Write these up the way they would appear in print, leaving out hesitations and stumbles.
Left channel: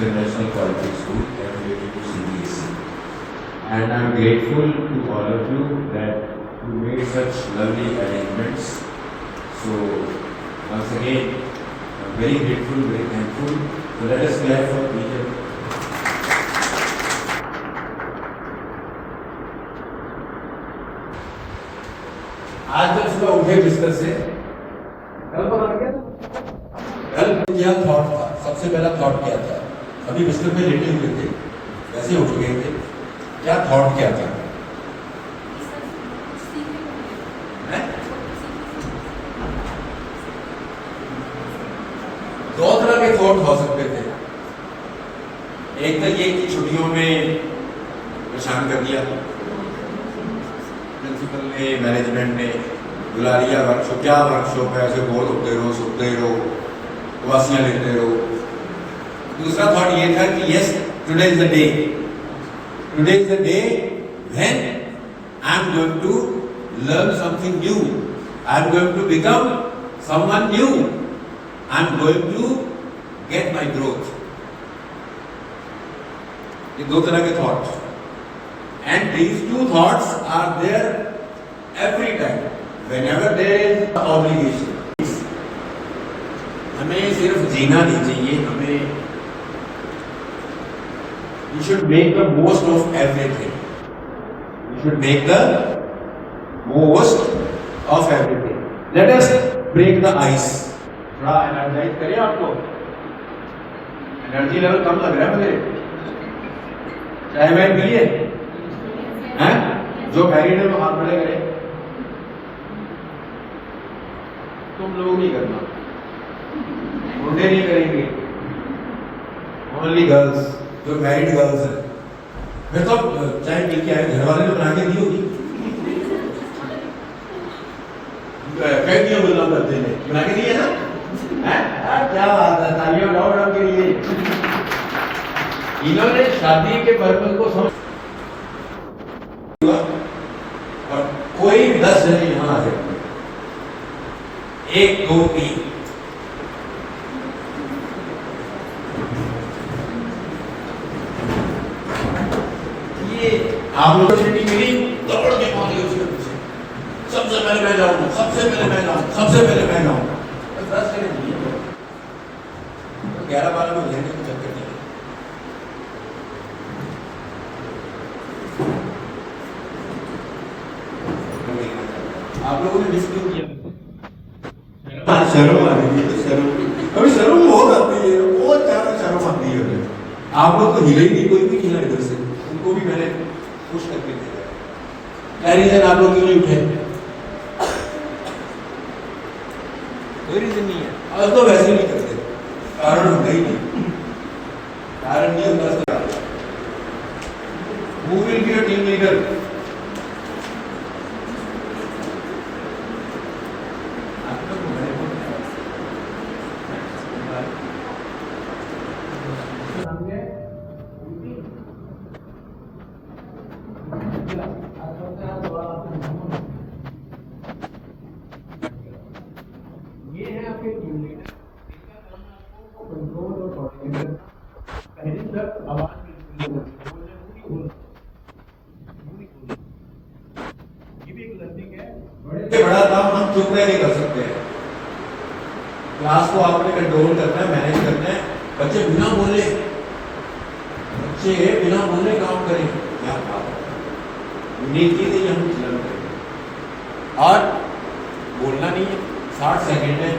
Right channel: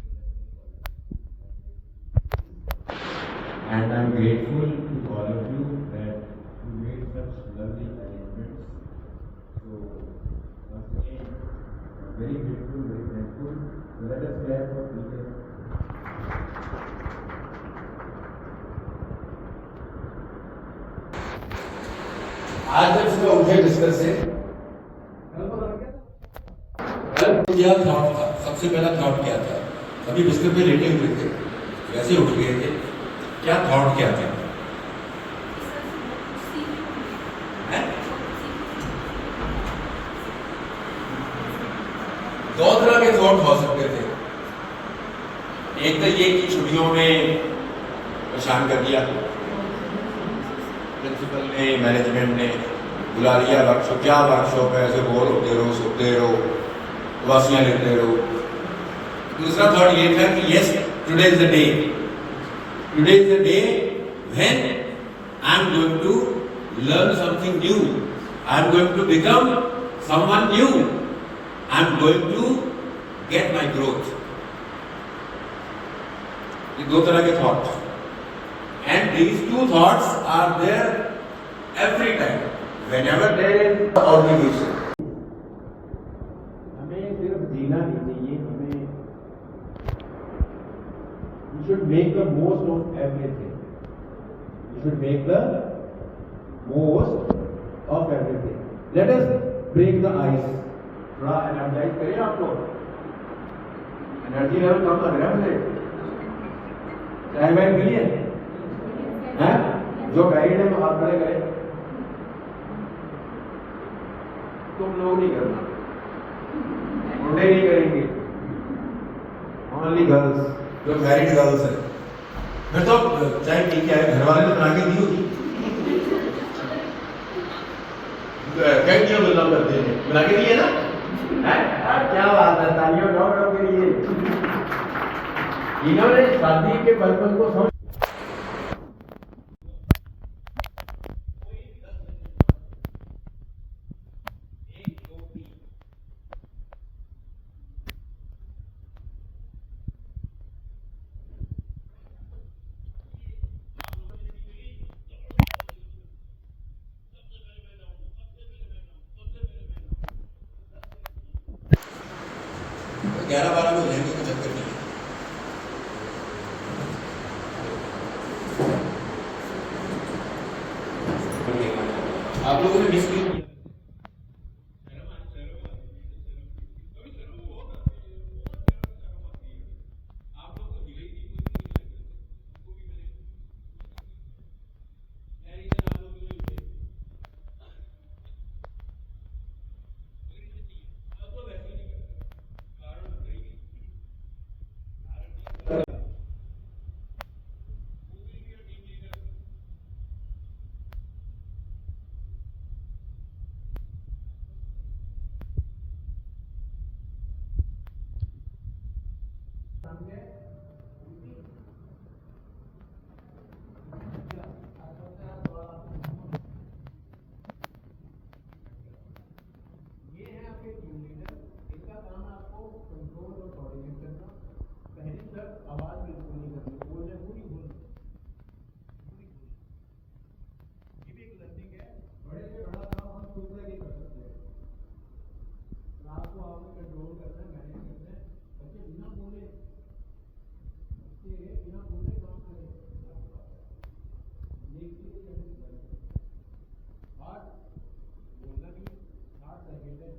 International Quality School affiliated to CBSE. And I'm grateful to all of you that you made such lovely arrangements. So once again, I'm very grateful, very thankful. So let us clap for each other. आज जब सुबह उठे बिस्तर से कल पता क्या था? कल क्या थॉट था? सबसे पहला थॉट क्या था? अभी बिस्तर पे लेटे हुए थे, वैसे उठ गए थे, क्या थॉट क्या था? दो तरह के थॉट हो सकते थे। एक तो ये कि छुट्टियों में परेशान कर दिया, प्रिंसिपल ने, मैनेजमेंट ने बुला लिया वर्कशॉप, क्या वर्कशॉप है, ऐसे बोर होते रहो, सोते रहो, उदासियां लेते रहो। दूसरा थॉट ये था कि yes, today is the day, today is the day when I am going to learn something new, I am going to become someone new, I am going to get my growth. ये दो तरह के thoughts, and these two thoughts are there every time whenever there is obligation. हमें सिर्फ जीना नहीं चाहिए, हमें we should make the most of everything. We should make the most of everything. Let us break the ice. थोड़ा energise करें आपको, energy level कम लग रहा है मुझे। चाय वाय पी लिए हैं? जो मैरिड है वो हाथ बड़े करें। तुम लोग नहीं करना, मुंडे नहीं करेंगे, ओनली गर्ल्स, जो मैरिड गर्ल्स है। मैं तो चाय पी के आए, घर वाले ने बना के दी होगी, कह दिया बोलना बंदे ने बना के दिए ना, क्या बात है, तालियां बजाओ मैडम के लिए। इन्होंने शादी के पर्पल को समझ, और कोई 10 जने यहां आ सकते, 1 2 3, ये आप लोगों को मिली, दौड़ के पहुंचे उसके पीछे, सबसे पहले मैं जाऊंगा, सबसे पहले मैं जाऊंगा, सबसे पहले मैं जाऊंगा। 10 जने 11-12 लोग रहने को चक्कर नहीं। आप लोगों ने मिस नहीं किया, शर्म आ रही है, शर्म अभी शर्म बहुत आती है, बहुत ज्यादा शर्म आती है। आप लोग तो हिले ही नहीं, कोई भी हिला इधर से, उनको भी मैंने खुश करके दिया। क्या रीजन आप लोग क्यों नहीं उठे? कोई रीजन नहीं है, आज तो वैसे नहीं करते, कारण होता ही नहीं, कारण नहीं होता। Who will be your team leader? ये है आपके टीम लीडर, इनका काम है आपको कंट्रोल और कोऑर्डिनेशन। पहली तक आवाज ये भी एक लर्निंग है। बड़े से बड़ा काम हम चुप रह नहीं कर सकते हैं, क्लास को आपने कंट्रोल करना है, मैनेज करना है। बच्चे बिना बोले काम करें, क्या बात है, यूनिक चीज है, हम लर्न करें। और बोलना नहीं है, 60 सेकेंड है,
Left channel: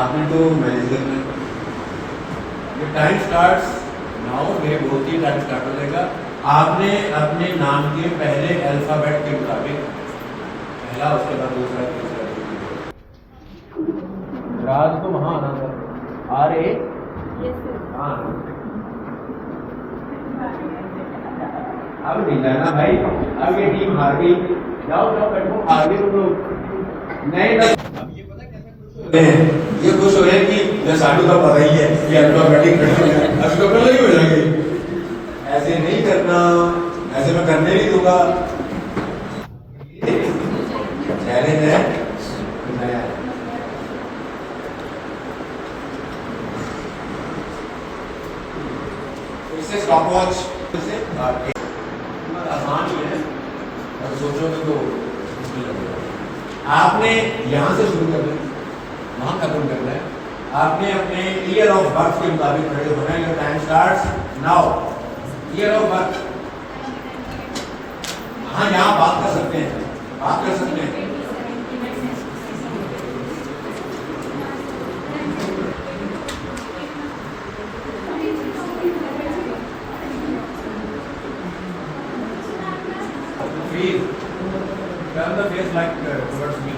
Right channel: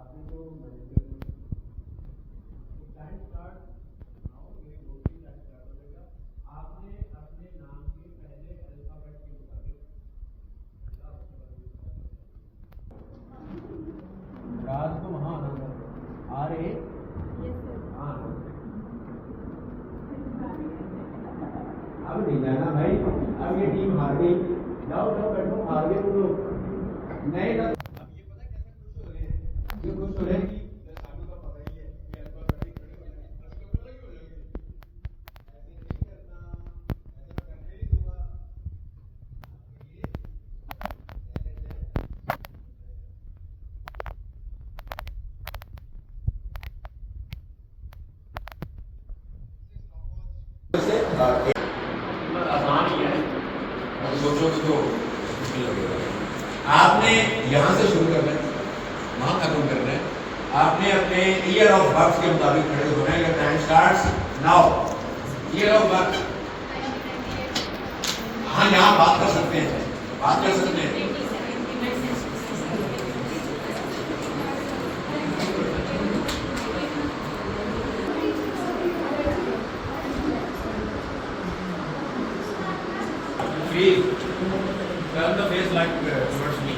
आपने तो मैनेज करना है। टाइम स्टार्ट्स नाउ, मेरे बहुत ही टाइम स्टार्ट हो जाएगा। आपने अपने नाम के पहले अल्फाबेट के मुताबिक पहला, उसके बाद दूसरा, तीसरा, राज को वहां आना था, आ रहे अब नहीं जाना भाई, अब ये टीम हार गई, जाओ जाओ बैठो, हार गए तुम लोग। नहीं अब ये पता कैसे खुश हो रहे हैं, ये खुश हो रहे हैं कि जैसा साडू का पता ही है कि अल्फाबेटिक अब तो पहले ही हो जाएंगे। ऐसे नहीं करना, ऐसे मैं करने नहीं दूंगा। चैलेंज है नया। इससे स्टॉप वॉच से आसान ही है, अब सोचोगे तो मुश्किल लगेगा। आपने यहाँ से शुरू करना है, वहाँ खत्म करना है। आपने अपने ईयर ऑफ बर्थ के मुताबिक खड़े होना है। Time starts now. Year of birth, हाँ यहाँ बात कर सकते हैं, बात कर सकते हैं। Feel, turn the face like towards me.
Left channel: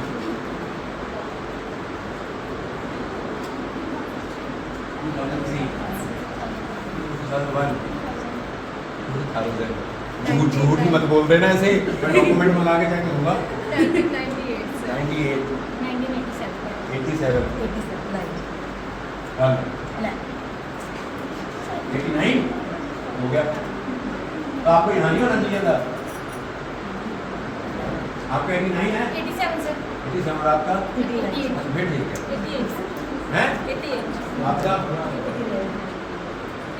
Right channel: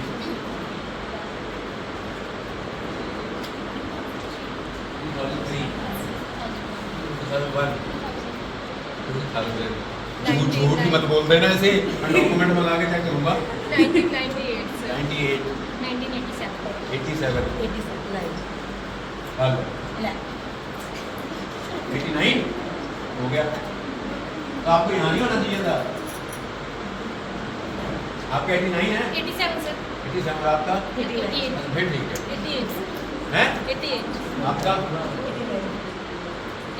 2003, 2001, 2000. झूठ ही मत बोल देना ऐसे, मैं डॉक्यूमेंट में ला के चेक करूंगा। 1998 98, 1987 87, 89 89 हो गया। तो आपको यहाँ नहीं होना चाहिए था। आपका 89 है? 87 सर। 87 और आपका? 88 अच्छा, फिर ठीक है। 88 हैं? 88 आपका?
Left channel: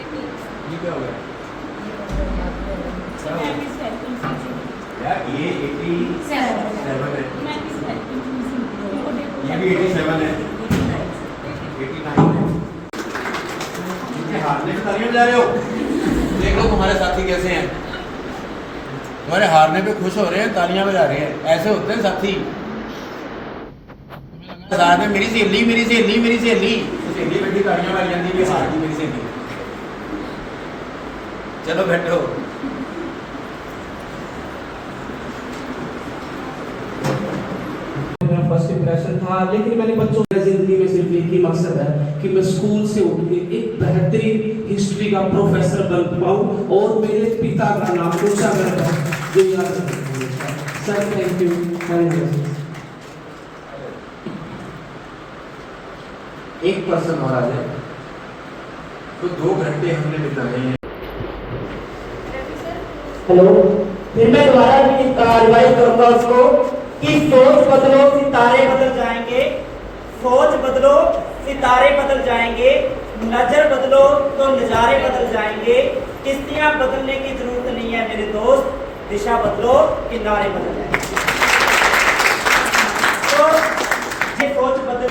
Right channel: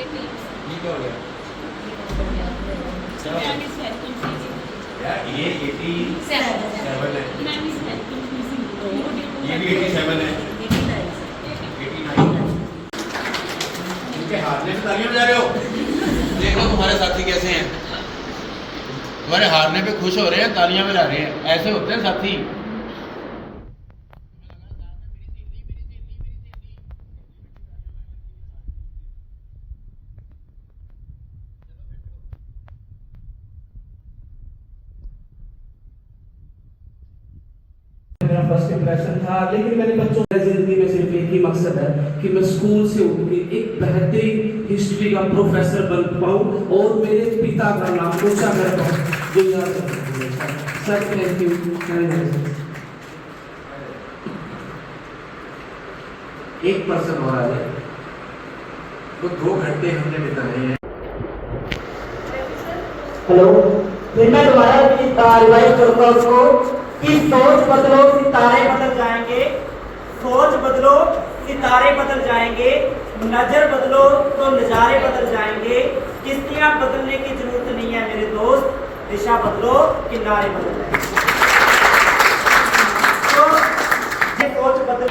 88 ये क्या हो गया? क्या हो गया? यार ये 87 है, ये भी 87 है, 89 है। इनके हारने पे तालियां बजा रहे हो? देखो तुम्हारे साथी कैसे हैं, तुम्हारे हारने पे खुश हो रहे हैं, तालियां बजा रहे हैं। ऐसे होते हैं साथी। साथ में मेरी सहेली, मेरी सहेली, मेरी सहेली, सहेली बैठी तालियां मारी जाती है, हार गई मेरी सहेली। चलो बैठो। मेरा फर्स्ट इंप्रेशन था, लेकिन मैंने बच्चों की जिंदगी में सिर्फ एक ही मकसद है कि मैं स्कूल से उठ के एक बेहतरीन हिस्ट्री का प्रोफेसर बन पाऊं और मेरे पिता का नाम ऊंचा कर पाऊं, जो याद रखें। Sir thank you very much. एक पर्सन और आ जाए तो 2 घंटे हमने बिताए हैं। हेलो, फिर मैं दोबारा रिवाइज करता हूँ उसको कि सोच बदलो सितारे बदल जाएंगे, सोच बदलो सितारे बदल जाएंगे, नजर बदलो तो नजारे बदल जाएंगे, किश्तियां बदलने की जरूरत नहीं है मेरे दोस्त, दिशा बदलो किनारे बदल जाएंगे। तो ये सोच बदल,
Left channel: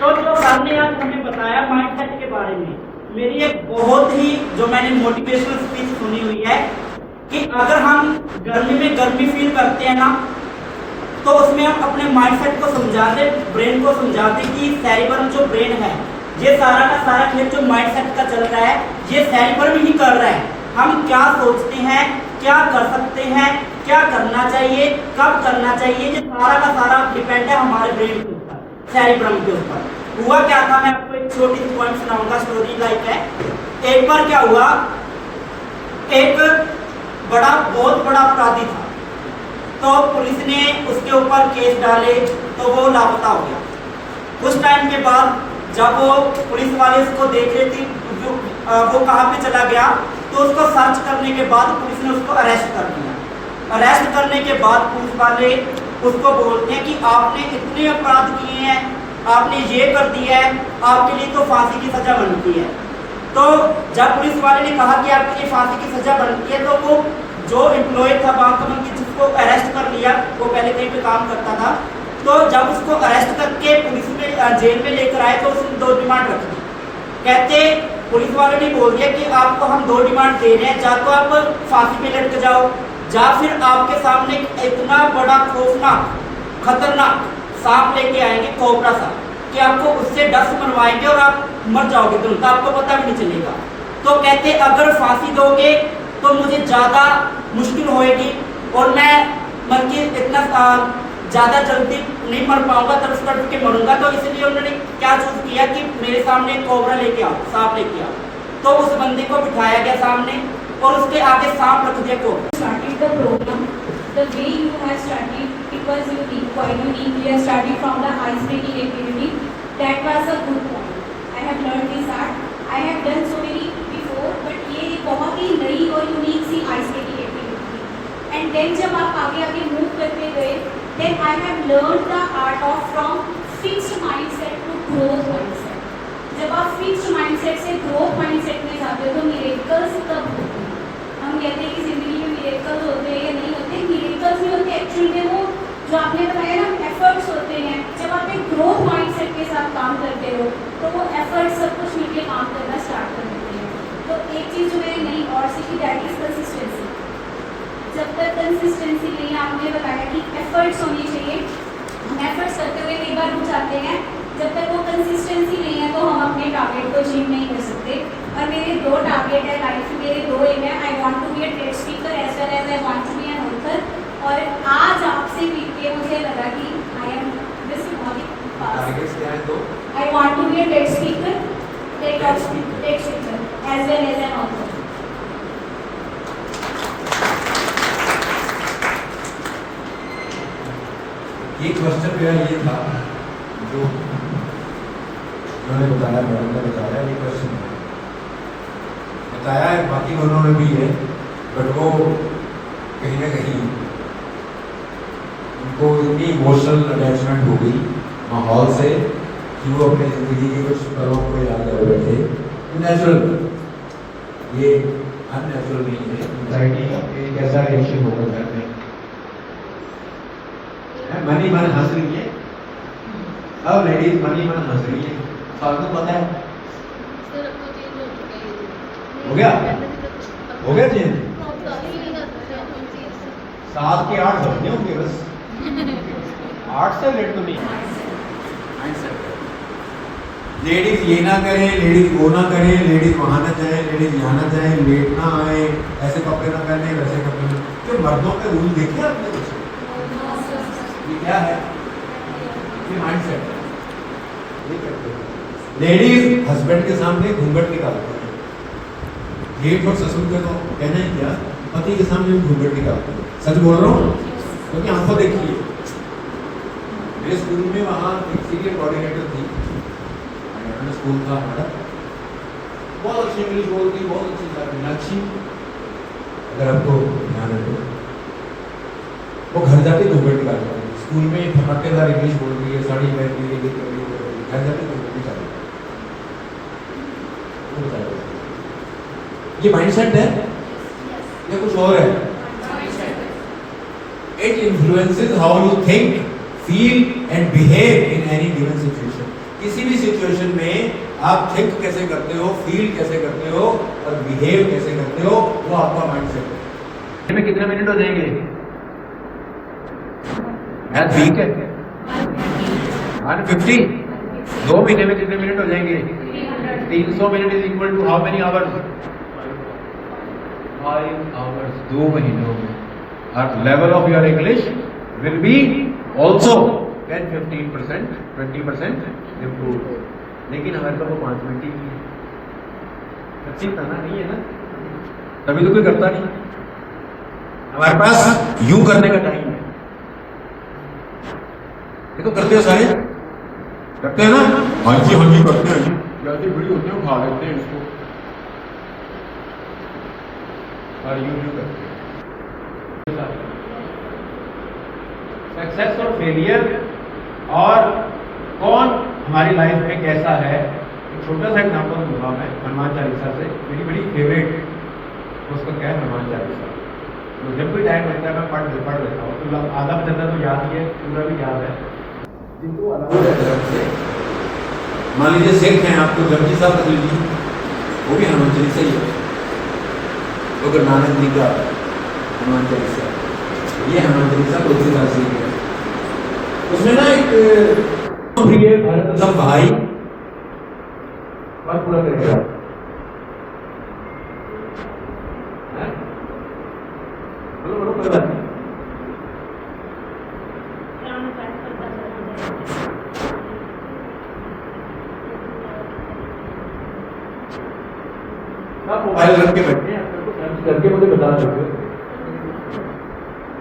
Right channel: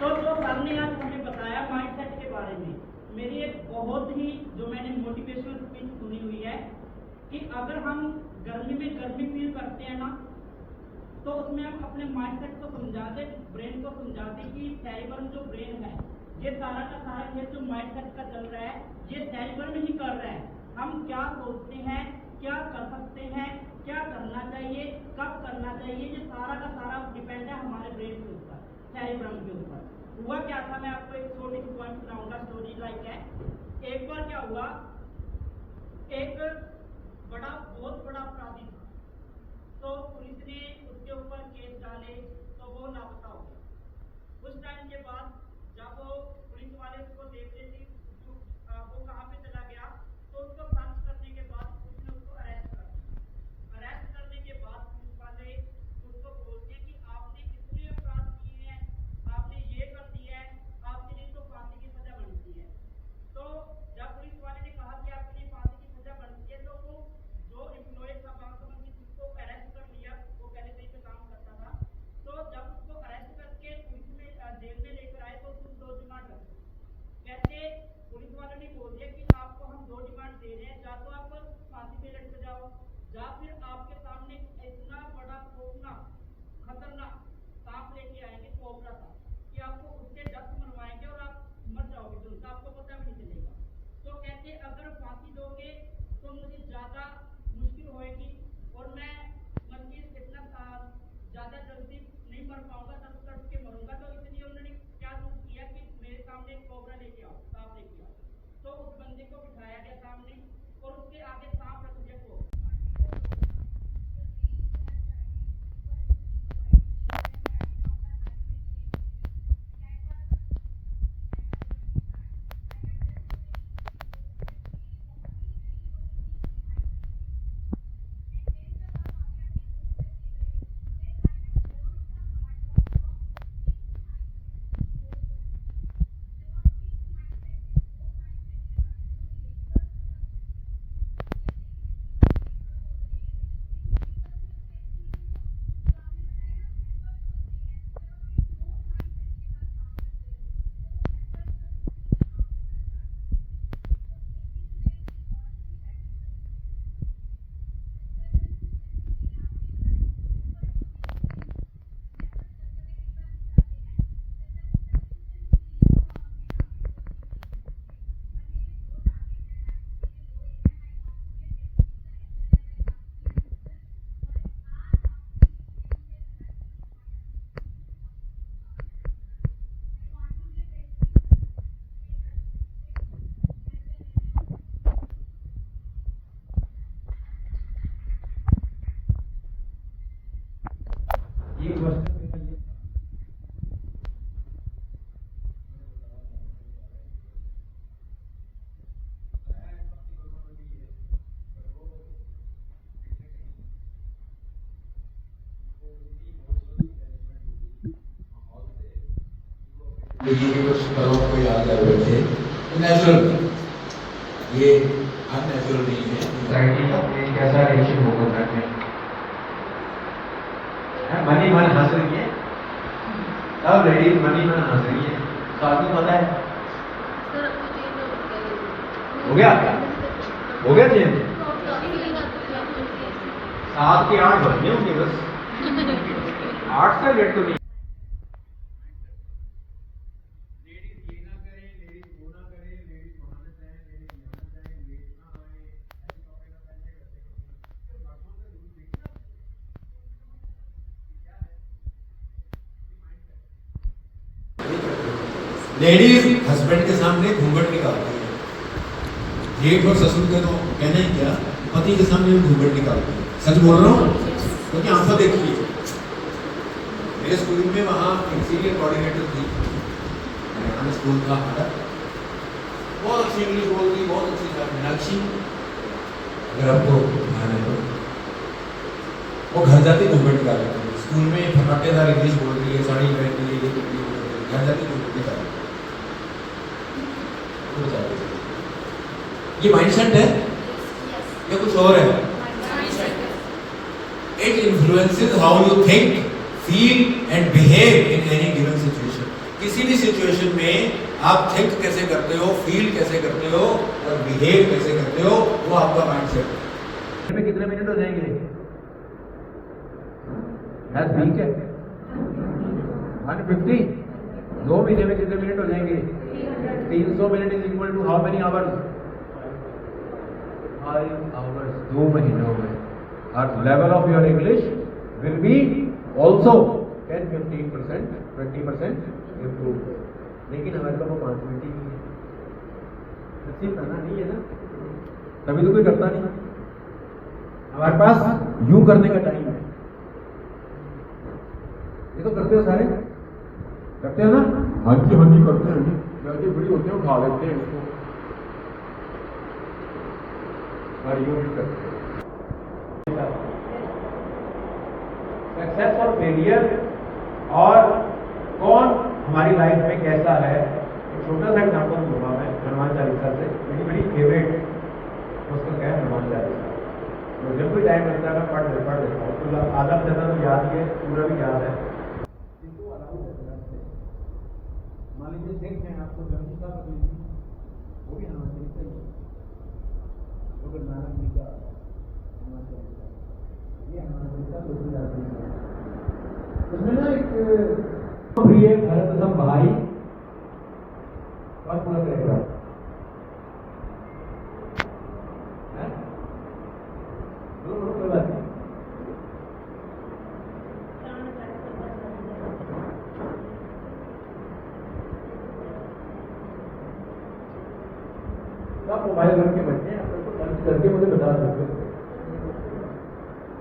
तो जो सर ने आज हमें बताया माइंडसेट के बारे में, मेरी एक बहुत ही जो मैंने मोटिवेशनल स्पीच सुनी हुई है कि अगर हम गर्मी में गर्मी फील करते हैं ना, तो उसमें हम अपने माइंडसेट को समझा दें, ब्रेन को समझा दें कि सेरिबरम जो ब्रेन है, ये सारा का सारा खेल जो माइंडसेट का चल रहा है, ये सेरिबरम ही कर रहा है। हम क्या सोचते हैं, क्या कर सकते हैं, क्या करना चाहिए, कब करना चाहिए, ये सारा का सारा डिपेंड है हमारे ब्रेन के ऊपर, सेरिबरम के ऊपर। हुआ क्या था, मैं आपको एक छोटी सी पॉइंट सुनाऊंगा, स्टोरी लाइक है। एक बार क्या हुआ, एक बहुत बड़ा अपराधी था, तो पुलिस ने उसके ऊपर केस डाले, तो वो लापता हो गया। कुछ टाइम के बाद जब वो पुलिस वाले उसको देख रहे थे वो कहाँ पे चला गया, तो उसको सर्च करने के बाद पुलिस ने उसको अरेस्ट कर लिया। अरेस्ट करने के बाद पुलिस वाले उसको बोलते हैं कि आपने इतने अपराध किए हैं, आपने ये कर दिया है, आपके लिए तो फांसी की सजा बनती है। तो जब पुलिस वाले ने कहा कि आपके लिए फांसी की सजा बनती है, तो वो जो एम्प्लॉय था बांकमन की, जिसको अरेस्ट कर लिया, वो पहले कहीं पे काम करता था, तो जब उसको अरेस्ट करके पुलिस में जेल में लेकर आए, तो उसने 2 डिमांड रख दी। कहते पुलिस वालों ने बोल दिया कि आपको हम 2 डिमांड दे रहे हैं, या तो आप फांसी पे लटक जाओ, या फिर आपके सामने इतना बड़ा खौफनाक खतरनाक सांप लेके आएंगे, कोबरा सांप, कि आपको उससे डस मरवाएंगे और आप मर जाओगे तुरंत, आपको पता भी नहीं चलेगा। तो कहते अगर फांसी दोगे तो मुझे ज़्यादा मुश्किल होएगी और मैं मर के इतना ज़्यादा जल्दी नहीं मर पाऊंगा, तड़प तड़प के मरूंगा। तो इसलिए उन्होंने क्या चूज किया कि मेरे सामने कोबरा लेके आओ, सांप लेके आओ। तो उस बंदे को बिठाया गया सामने और उसके आगे सांप रख दिया cobra. Started the program, the way you have started, it was unique, quite unique. You have started from the ice breaking activity. That was a good point. I have learned this art. I have done so many before, but ये बहुत ही नई और unique सी ice breaking activity थी. And then जब आप आगे आगे move करते गए, then I have learned the art of from fixed mindset to growth mindset. जब आप fixed mindset से growth mindset में जाते हो, तो मेरे जो आपने बताया ना एफर्ट्स होते हैं, जब आप एक ग्रोथ माइंडसेट के साथ काम करते हो तो वो एफर्ट्स सब कुछ मिलकर काम करना स्टार्ट कर देते हैं। तो एक चीज़ जो मैंने नई और सीखी दैट इज कंसिस्टेंसी। जब तक कंसिस्टेंसी नहीं, आपने बताया कि एफर्ट्स होनी चाहिए, हम एफर्ट्स करते हुए कई बार रुक जाते हैं, जब तक वो कंसिस्टेंसी नहीं है तो हम अपने टारगेट को अचीव नहीं कर सकते। और मेरे 2 टारगेट है लाइफ में, मेरे 2 एम है, I want to be a TED speaker as well as I want to be an author. और आज आपसे मिल के मुझे लगा कि I am this fast. Targets क्या है तो I want to be a TED speaker as well as an author. ये क्वेश्चन मेरा ये था जो उन्होंने बताया, मैडम ने बताया, ये क्वेश्चन बताया है, बाकी दोनों में भी है, बट वो कहीं ना कहीं उनको इतनी इमोशनल अटैचमेंट हो गई माहौल से कि वो अपने जिंदगी के कुछ पलों को याद कर बैठे। नेचुरल, ये अननेचुरल नहीं है। एंजाइटी एक ऐसा रिएक्शन होगा घर में, मनी मन हंस रही है, सब लेडीज मनी मन हंस रही है, फालतू पता है। हो गया चेंज, 7 के 8 बजने होंगे बस, 8 से लेट तो नहीं। लेडीज ये ना करें, लेडीज वो ना करें, लेडीज वहां ना जाए, लेडीज यहाँ ना जाए, लेट ना आए, ऐसे कपड़े ना पहने, वैसे कपड़े ना। तो मर्दों के रूल देखे आपने कुछ? ये क्या है? ये माइंडसेट। लेडीज हस्बैंड के सामने घूंघट निकालती है, जेठ और ससुर का तो कहना ही क्या, पति के सामने घूंघट निकालती है। सच बोल रहा हूँ क्योंकि आंखों देखी है। मेरे स्कूल में वहाँ सीनियर कोऑर्डिनेटर थी, हरियाणा स्कूल था हमारा, बहुत अच्छी इंग्लिश बोलती, बहुत अच्छी था मीनाक्षी, अगर आपको ध्यान है तो। वो घर जाके घूंघट निकालती है, स्कूल में धमाकेदार इंग्लिश बोल रही है, साड़ी पहन रही है, घर जाके घूंघट निकालती है। वो बता रहे ये माइंडसेट है या कुछ और है? It influences how you think, feel and behave in any given situation. किसी भी सिचुएशन में आप थिंक कैसे करते हो, फील कैसे करते हो और बिहेव कैसे करते हो, वो आपका माइंडसेट है। में कितने मिनट हो जाएंगे? मैथ ठीक है, 150। 2 महीने में कितने मिनट हो जाएंगे? 300 minute is equal to how many hours? 5 hours 2 महीनों में। और level of your English will be also 10-15%, 20% improve. लेकिन हमारे पास वो 5 मिनट ही नहीं है, अच्छी खाना नहीं है ना, तभी तो कोई करता नहीं। हमारे पास यूं करने का टाइम है, ये तो करते हो सारे, करते हैं ना? हाँ जी करते हैं, जल्दी फ्री होते हैं, खा लेते हैं इसको, और यूं करते हैं। सक्सेस और फेलियर और कौन हमारी लाइफ में कैसा है, एक छोटा सा एग्जाम्पल दूंगा मैं हनुमान चालीसा से, मेरी बड़ी फेवरेट उसका क्या है हनुमान चालीसा। तो जब भी टाइम लगता है मैं पढ़ लेता हूँ, तो आधा ज़्यादा तो याद ही है, पूरा भी याद है। जिनको अलग से मान लीजिए सिख हैं आपको जपजी साहब रख लीजिए, वो भी हनुमान चालीसा ही है। तो गुरु नानक जी का हनुमान चालीसा, ये हनुमान चालीसा तुलसीदास जी है। उसमें ना एक प्रिय भरत सब भाई बात पूरा करेगा, बोलो कोई बात नहीं। आप मोबाइल रख के बैठे हैं, आपको सर्च करके मुझे बता सकते हो,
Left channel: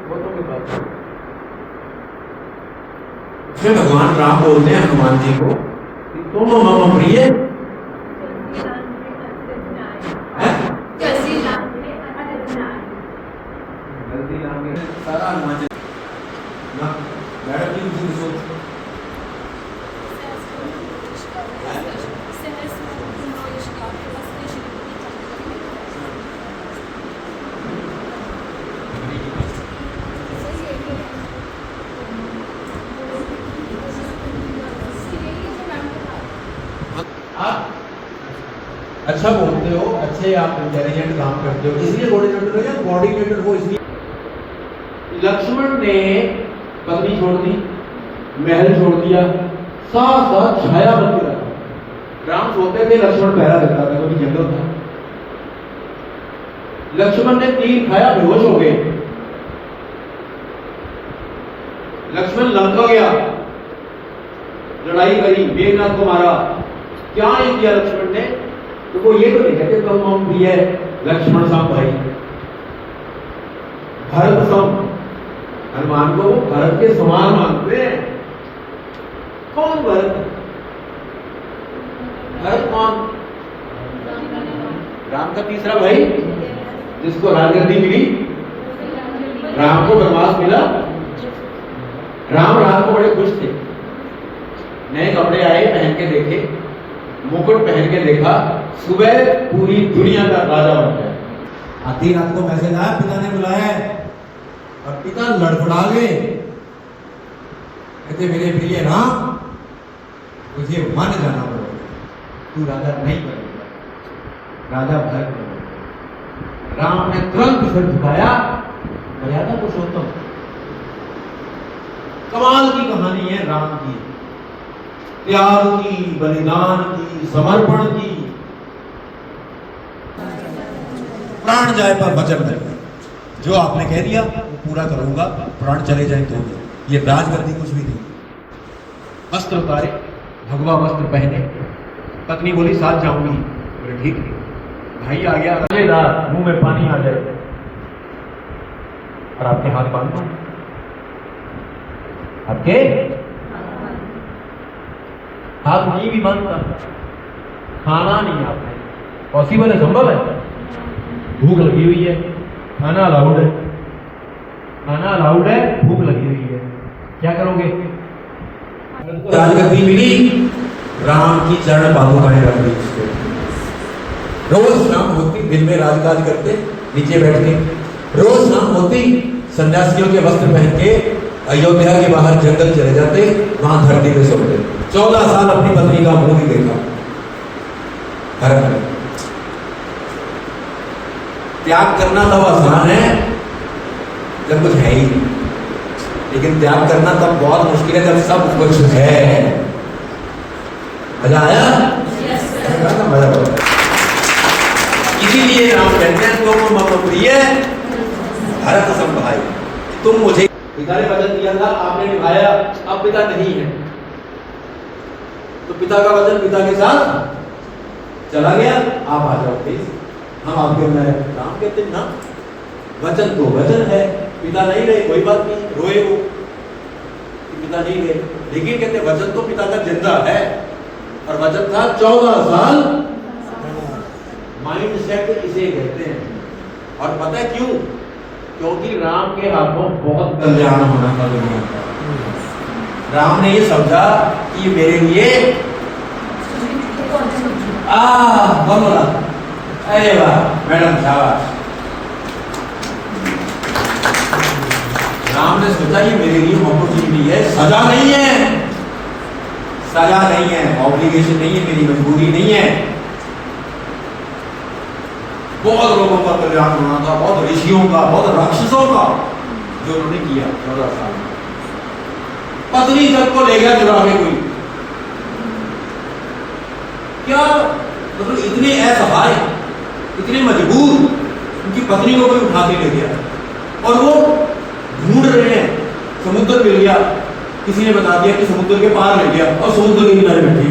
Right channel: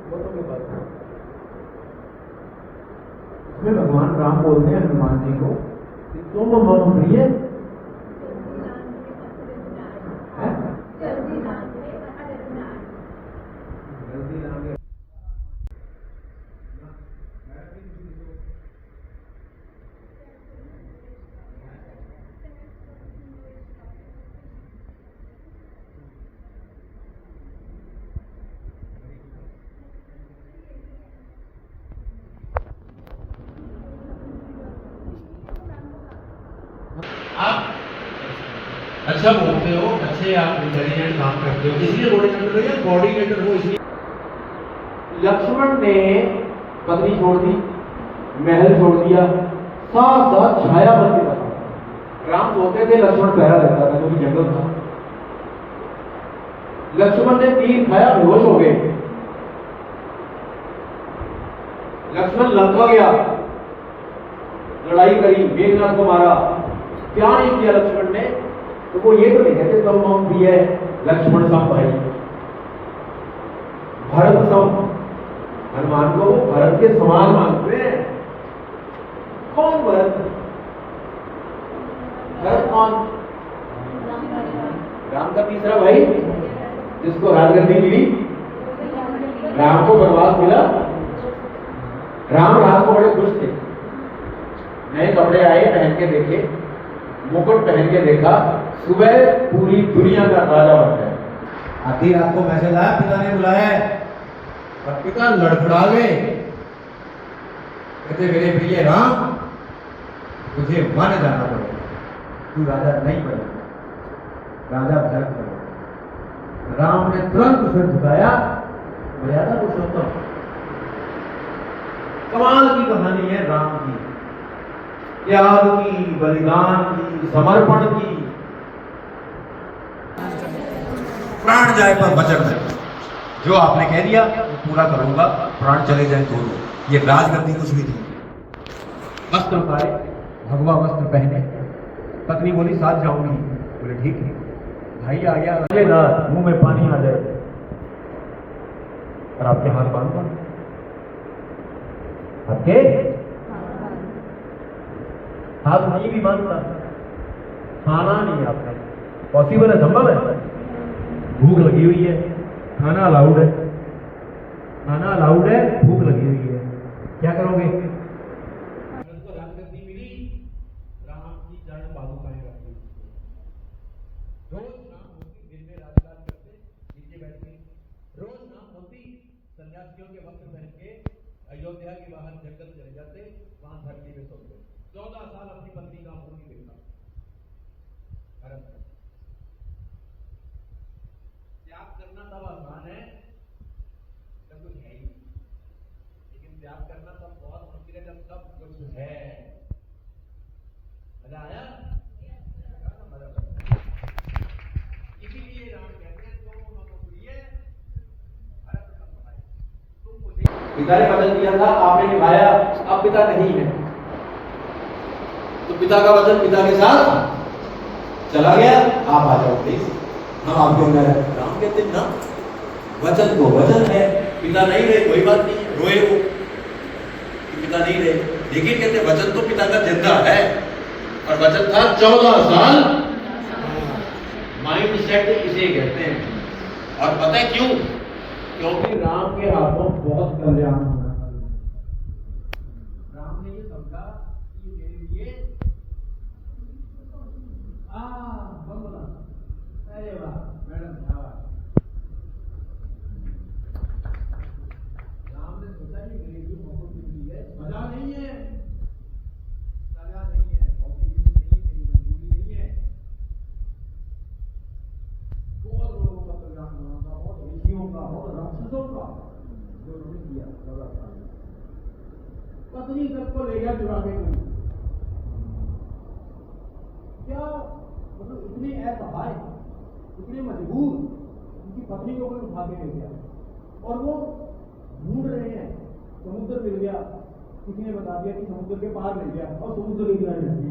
वो तो कोई बात नहीं। इसमें भगवान राम बोलते हैं हनुमान जी को, तुम मम प्रिय सारा हनुमान जी मैडम जी मुझे सोच अच्छा बोलते हो, अच्छे आप इंटेलिजेंट काम करते हो, इसलिए कोऑर्डिनेटर हो या कोऑर्डिनेटर हो इसलिए। लक्ष्मण ने पत्नी छोड़ दी, महल छोड़ दिया, साथ साथ छाया बन के रखा। राम सोते थे, लक्ष्मण पहरा देता था, क्योंकि जंगल था। लक्ष्मण ने तीर खाया, बेहोश हो गए। लक्ष्मण लंका गया, लड़ाई करी, मेघनाथ को मारा। क्या नहीं किया लक्ष्मण ने? तो वो ये तो नहीं कहते तो हम भी है लक्ष्मण साहब भाई, भरत सम, हनुमान को भरत के समान मानते हैं। कौन भरत? भरत कौन? राम का तीसरा भाई, जिसको राजगद्दी मिली, राम को वनवास मिला। राम को बड़े खुश थे, नए कपड़े आए, पहन के देखे, मुकुट पहन के देखा, सुबह पूरी दुनिया का राजा बन गया। आधी रात को मैसेज आया, पिता ने बुलाया है, और पिता लड़खड़ा गए। कहते मेरे प्रिय राम, तुझे वन जाना पड़ेगा, तू राजा नहीं बनेगा, राजा भरत बनेगा। राम ने तुरंत सिर झुकाया, मर्यादा पुरुषोत्तम। कमाल की कहानी है राम की, त्याग की, बलिदान की, समर्पण की। प्राण जाए पर वचन है, जो आपने कह दिया वो पूरा करूंगा, प्राण चले जाए तो दो। ये राजगद्दी कुछ भी थी। वस्त्र उतारे, भगवा वस्त्र पहने, पत्नी बोली साथ जाऊंगी, बोले ठीक है। भाई आ गया, अगले रात मुंह में पानी आ जाए और आपके हाथ बांध दो, आपके हाथ नहीं भी बांधता, खाना नहीं आपने, पॉसिबल है, संभव है? भूख लगी हुई है, खाना अलाउड है, खाना अलाउड है, भूख लगी हुई है, क्या करोगे? राजगद्दी मिली, राम की चरण पादुकाएं रख दी उसको। रोज शाम होती, दिन में राजकाज करते, नीचे बैठ के, रोज शाम होती, सन्यासियों के वस्त्र पहन के अयोध्या के बाहर जंगल चले जाते, वहां धरती पे सोते। 14 साल अपनी पत्नी का मुंह नहीं देखा भरत ने। त्याग करना तब आसान है जब कुछ है ही नहीं, लेकिन त्याग करना तब बहुत मुश्किल है जब सब कुछ है। मजा आया? मजा आया। इसीलिए राम कहते हैं तुम मम प्रिय भरत सम भाई, तुम मुझे। पिता ने वचन दिया था, आपने निभाया, अब पिता नहीं है, तो पिता का वचन पिता के साथ चला गया। आप आ जाओ प्लीज, हम आपके अंदर है। राम कहते ना, वचन तो वचन है, पिता नहीं रहे कोई बात नहीं, रोए वो कि पिता नहीं रहे, लेकिन कहते वचन तो पिता का जिंदा है, और वचन था 14 साल। माइंड सेट इसे कहते हैं। और पता है क्यों? क्योंकि राम के हाथों बहुत कल्याण होना था दुनिया का। राम ने ये समझा कि मेरे लिए बोला, अरे वाह मैडम शाबाश। राम ने सोचा ये मेरे लिए अपॉर्चुनिटी है, सजा नहीं है, सजा नहीं है, ऑब्लिगेशन नहीं है, मेरी मजबूरी नहीं है। बहुत लोगों का कल्याण होना था, बहुत ऋषियों का, बहुत राक्षसों का, जो उन्होंने किया 14 साल। पत्नी तक को ले गया चुरा के कोई, क्या मतलब इतने असहाय, इतने मजबूर, उनकी पत्नी को कोई उठा के ले गया, और वो ढूंढ रहे हैं, समुद्र मिल गया, किसी ने बता दिया कि समुद्र के पार ले गया, और समुद्र के किनारे बैठी।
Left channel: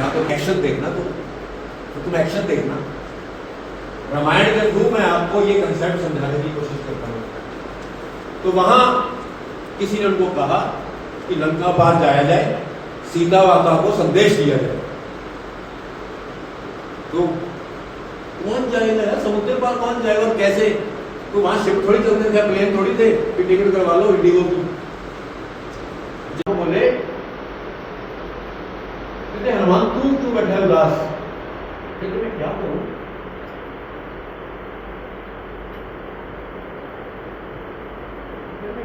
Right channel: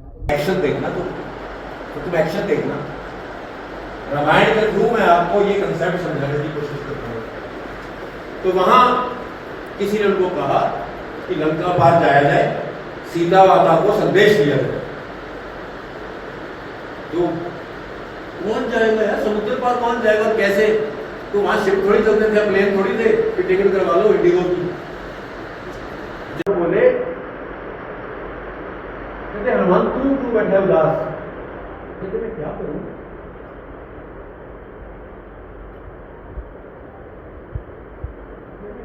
या तो एक्शन देखना, तुम एक्शन देखना। रामायण के थ्रू मैं आपको ये कंसेप्ट समझाने की कोशिश करता हूँ। तो वहां किसी ने उनको कहा कि लंका पार जाया जाए, सीता माता को संदेश दिया जाए। तो कौन जाएगा यार, समुद्र पार कौन जाएगा और कैसे? तो वहां शिप थोड़ी चलते थे, प्लेन थोड़ी थे, फिर टिकट करवा लो इंडिगो की। जब बोले कहते हनुमान तू क्यों बैठे उदास? कहते मैं क्या करूं?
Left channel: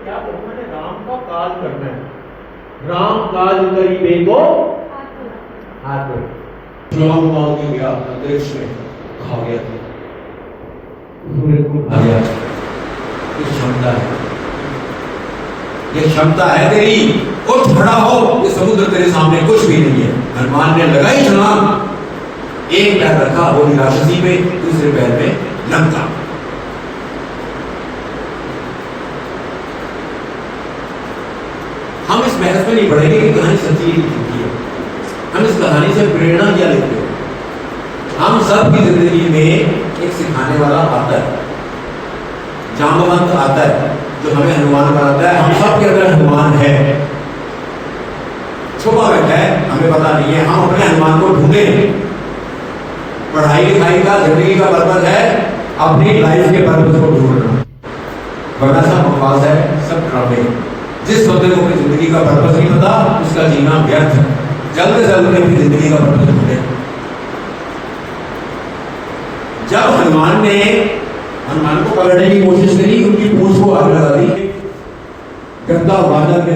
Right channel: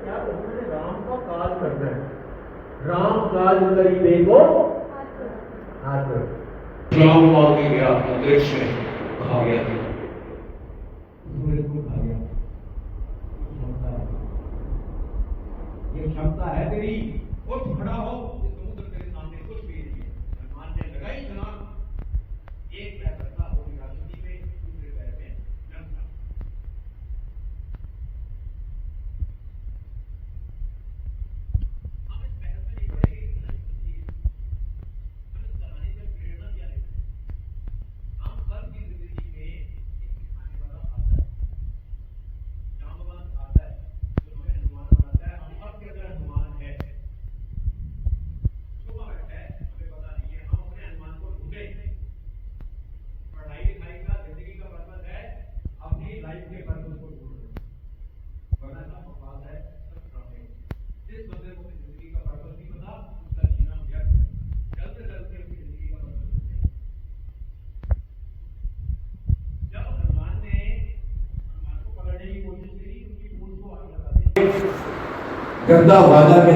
क्या करूं? मैंने राम का काज करना है, राम काज करी बे को हाथ छलांग मार के गया अंतरिक्ष में, खा गया था। आ गया। ये क्षमता है, ये क्षमता है तेरी। उठ खड़ा हो, ये समुद्र तेरे सामने कुछ भी नहीं है। हनुमान ने लगाई छलांग, एक पैर रखा वो राक्षसी पे, दूसरे पैर पे लंका। हम इस बहस में नहीं बढ़ेंगे कि कहानी सच्ची है झूठी है। हम इस कहानी से प्रेरणा क्या लेते हैं? हम सब की जिंदगी में एक सिखाने वाला आता है, जामवंत आता है, जो हमें हनुमान बनाता है। हम सब के अंदर हनुमान है, छुपा बैठा है, हमें पता नहीं है। हम अपने हनुमान को ढूंढे। पढ़ाई लिखाई का, जिंदगी का पर्पज है अपनी लाइफ के पर्पज को ढूंढना, वरना सब बकवास है, सब ड्रामे। जिस बंदे को अपनी जिंदगी का पर्पज नहीं पता, उसका जीना व्यर्थ है। जल्द से जल्द अपनी जिंदगी का पर्पज ढूंढे। जब हनुमान ने हनुमान को पकड़ने की कोशिश करी, उनकी पूंछ को आग लगा दी, गद्दा वाजा के